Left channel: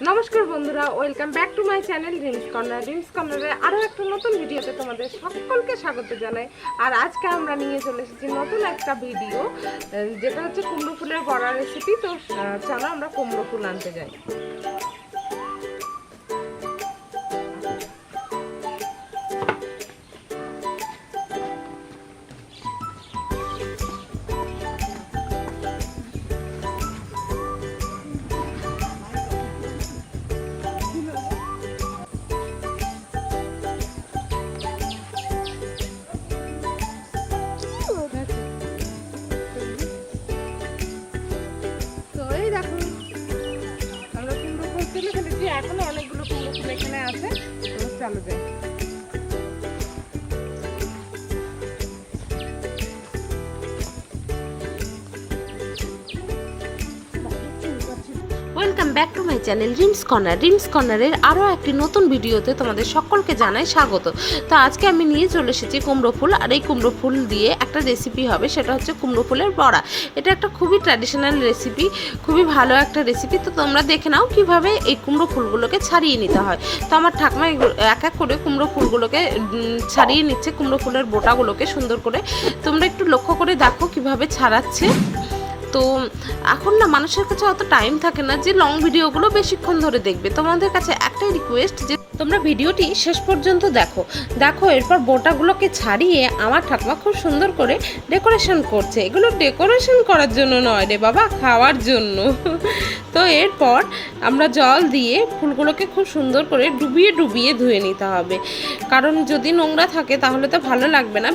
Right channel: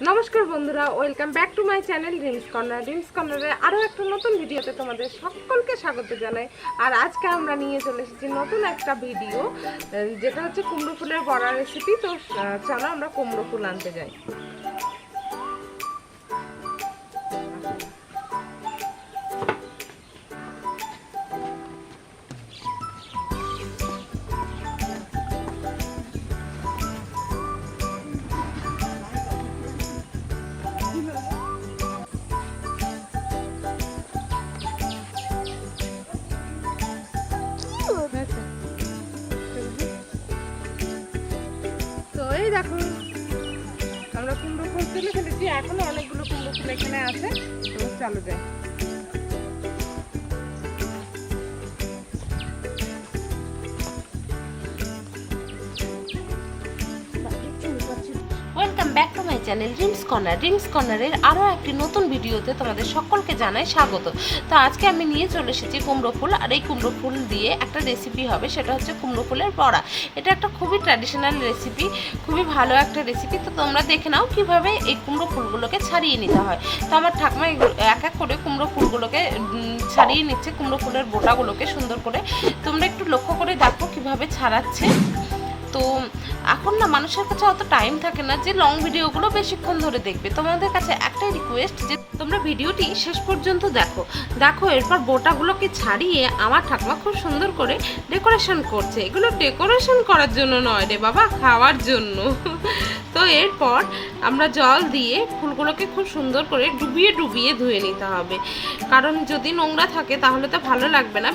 নমস্কার বন্ধুরা, welcome back to my channel dreams corner. Dreams কর্নারে আরও একটা নতুন ভিডিওতে তোমাদের সকলকে স্বাগত জানাই। আর আজকে আমরা নিয়ে চলে এসেছি নতুন একটা ভিডিও, যেটা হচ্ছে কুমড়ো ফুলের বড়া রেসিপি। তো চলো আমরা কুমড়ো ফুল আনতে যাই। তো এই দেখো, আমরা কুমড়ো ফুল তুলে ফেলেছি, এখনো অনেকগুলো কুমড়ো ফুল এখানে আছে। তো চলো যাই। Welcome back to my channel dreams corner. Dreams কর্নারের আরও একটি নতুন ভিডিওতে তোমাদের সকলকে জানাই স্বাগত। তো আজকে আমি নিয়ে চলে এসেছি কুমড়ো ফুল, আর এই কুমড়ো ফুল দিয়ে একটা রেসিপি হবে, সেটা হচ্ছে কুমড়ো ফুলের বড়া। এটা একটা খুবই ট্র্যাডিশনাল রেসিপি, খুবই ভালো একটা রেসিপি। তো তোমরা দেখে নাও কীভাবে এই কুমড়ো ফুলগুলোকে ছাড়িয়ে নিতে হয়। তো আমার ঠাকুমা এক এক করে কুমড়ো ফুলগুলোকে ছাড়িয়ে নিচ্ছে, কুমড়ো ফুলের বোটাগুলোকে সুন্দর করে। তোমরা একটু লক্ষ্য করে দেখো কীভাবে ছাড়াচ্ছে। তো এখন না মানুষের কাছে অত টাইম থাকে না যে লং ভিডিওগুলো বেশিক্ষণ ধরে দেখবে। তোমাদের কাছে একটাই রিকোয়েস্ট যে তোমরা ভিডিওটি শেষ পর্যন্ত দেখো। এরপর বোটাগুলোকে ছাড়িয়ে আমার ঠাকুমা খুব সুন্দর করে ডেকোরেশন করছে। এগুলো ডেকোরেশন করার জন্য নয় রে বাবা, খাওয়ার জন্য। তো এরপর আমরা জল দিয়ে ফুলগুলোকে খুব সুন্দর করে ডুবিয়ে ডুবিয়ে ধুয়ে নিতে হবে, কারণ যদি নোংরা থাকে তাহলে তো ভালো লাগবে না।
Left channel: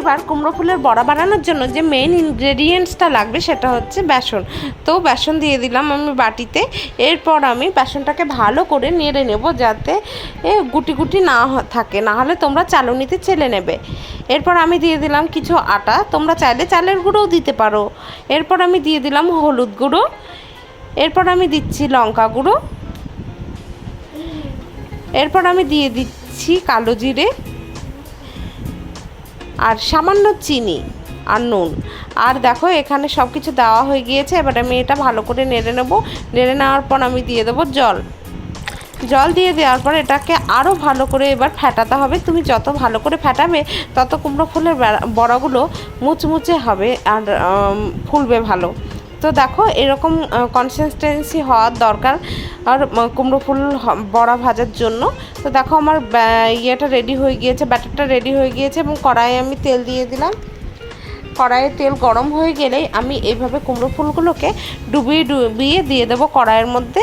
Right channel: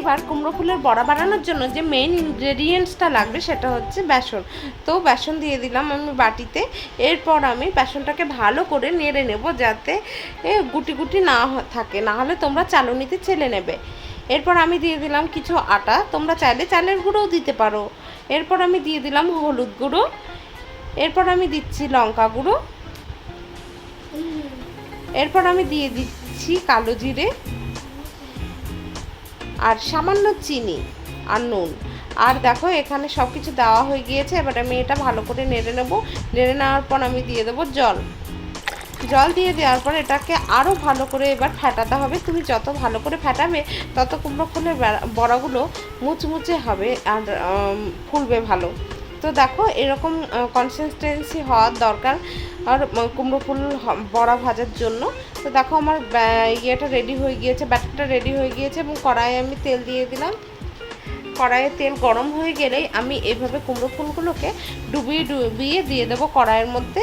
এবার কুমড়ো ফুলের বড়া বানানোর জন্য যে মেইন ইনগ্রেডিয়েন্টসটা লাগবে সেটা হচ্ছে বেসন। তো বেসন দিয়ে দিলাম আমি বাটিতে। এরপর আমি বেসনটাকে ভালো করে নেড়ে নেব, যাতে গুটি গুটি না থাকে, না হলে তোমরা চালুনিতে চেলে নেবে। এরপর আমি দিয়ে দিলাম কিছু আটা, তোমরা চাইলে চালের গুঁড়োও দিতে পারো। এরপর আমি দিয়ে দিলাম হলুদ গুঁড়ো। এরপর আমি দিচ্ছি লঙ্কা গুঁড়ো। এরপর আমি দিয়ে দিচ্ছি কালো জিরে আর সামান্য চিনি আর নুন। আর দেখো এখানে সব কিছু দেওয়া হয়ে গিয়েছে। এবার আমি এটা ভালো করে নেড়ে নেব। নেড়ে নেওয়ার পর আমি দিয়ে দেবো জল দিয়ে দেওয়ার পর এটাকে আরও ভালো করে এবার ফেটাতে হবে। তুমি যত ভালো করে ফেটাবে তত কুমড়ো ফুলের বড়াগুলো মুচমুচে হবে আর ফুলবে ভালো। তো দেখো এরকম কনসিস্টেন্সি হওয়ার দরকার আর কুমড়ো ফুল বড়া ভাজার জন্য। তো দেখো আমার ইয়েটা রেডি হয়ে গিয়েছে, ব্যাটারটা রেডি হয়ে গিয়েছে। এবং কড়াইয়ে আমি তেল দিয়ে দিলাম। কড়াইয়ে তেল গরম হয়ে গেলেই আমি এইভাবে কুমড়ো ফুলগুলোকে ডুবিয়ে ডুবিয়ে দিয়ে দেবো কড়াইয়ের মধ্যে।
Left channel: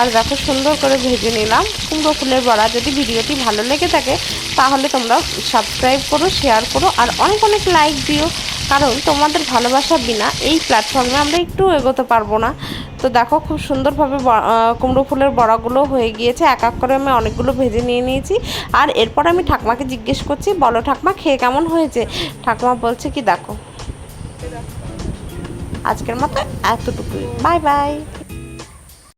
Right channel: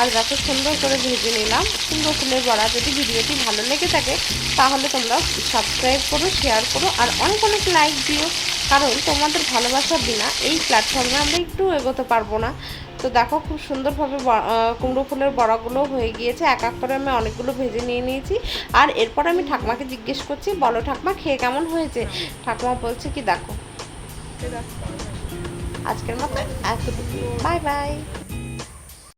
আর দেখো সুন্দর করে ভেজে নিলাম কুমড়ো ফুলের বড়া। যদি ভিডিওটি ভালো লেগে থাকে তাহলে তোমরা সাবস্ক্রাইব করো, শেয়ার করো আর অনেক অনেক লাইক দিও, কারণ তোমাদের ভালোবাসা বিনা এই প্ল্যাটফর্মে আমরা একটু এগোতে পারবো না। তো দেখো খুব সুন্দরভাবে কুমড়ো ফুলের বড়াগুলো হয়ে গিয়েছে। এক এক করে আমি অনেকগুলো ভেজে নিয়ে নিয়েছি। আর এরপর আমি ঠাকুমাকে জিজ্ঞেস করছি, বলো ঠাকুমা খেয়ে কেমন হয়েছে? ঠাকুমা বলছে কি দেখো, আজকের মতো এতটুকুই, বাই বাই।